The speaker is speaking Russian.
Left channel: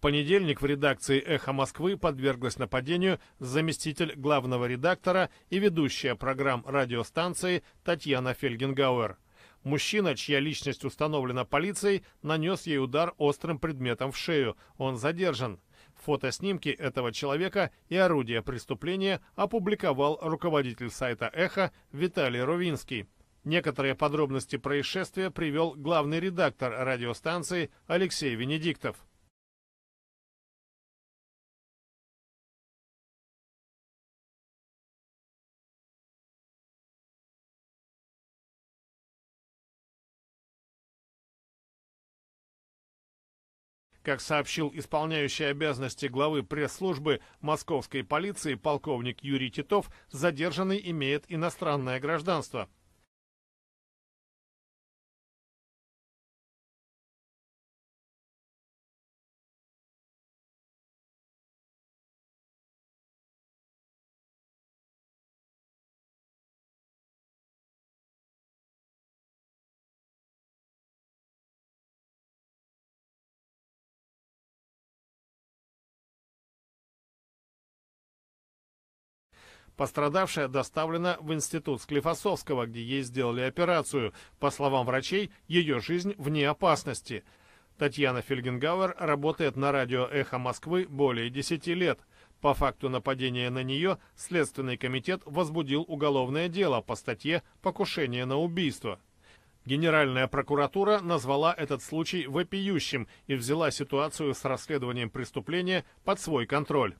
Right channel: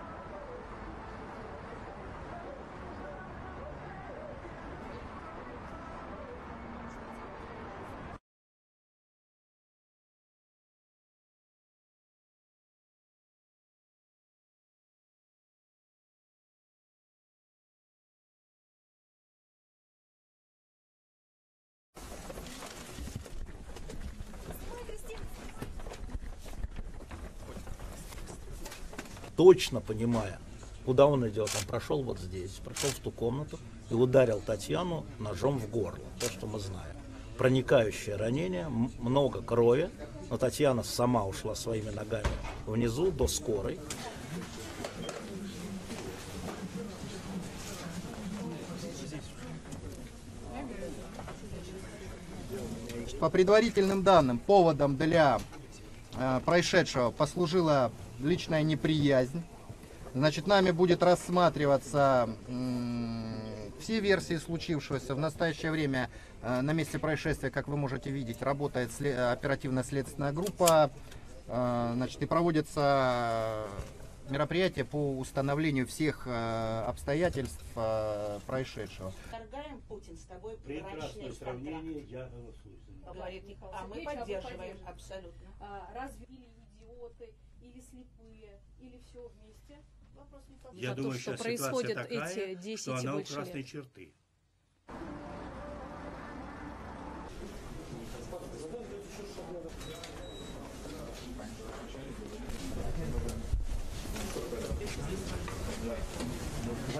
понедельник в редакции «Эхо Москвы» подверглась нападению заместитель главного редактора и ведущая программ радиостанции Татьяна Фельгенгауэр. Мужчина, чья личность установлена полицией, нанес ей удар острым предметом в шею. Он задержан. Фотоснимки этого человека и орудия преступления опубликовал руководитель сайта «Эхо» Виталий Рувинский. Некоторые подробности происшествия привел главный редактор радиостанции Алексей Венедиктов. Точно понимая, куда он идет, он прошел вот здесь, прошел в ту комнату и ударил Татьяну ножом в горло. То, что мы знаем. Проникающее ранение, много крови, но Татьяна сама ушла своими ногами внизу до скорой. Как сообщил исполняющий обязанности главы пресс-службы московской полиции полковник Юрий Титов, задержанный имеет иностранное гражданство. По предварительным данным, поводом для происшедшего послужила личная неприязнь. Значит, нами будет рассматриваться все версии случившегося. В настоящее время на месте происшествия, как вы можете видеть, работает оперативно-следственная группа. Значит, и проводятся мероприятия по установлению всех обстоятельств происшедшего. Пострадавшая доставлена в институт Склифосовского, где ей сделали операцию. По словам врачей, ее жизнь вне опасности. Татьяна Фельгенгауэр работает на радио «Эхо Москвы» более 10 лет. По факту нападения на нее Следственный комитет возбудил уголовное дело по статье «Покушение на убийство». Генеральная прокуратура назвала этот случай вопиющим и взяла ситуацию с расследованием преступления под свой контроль.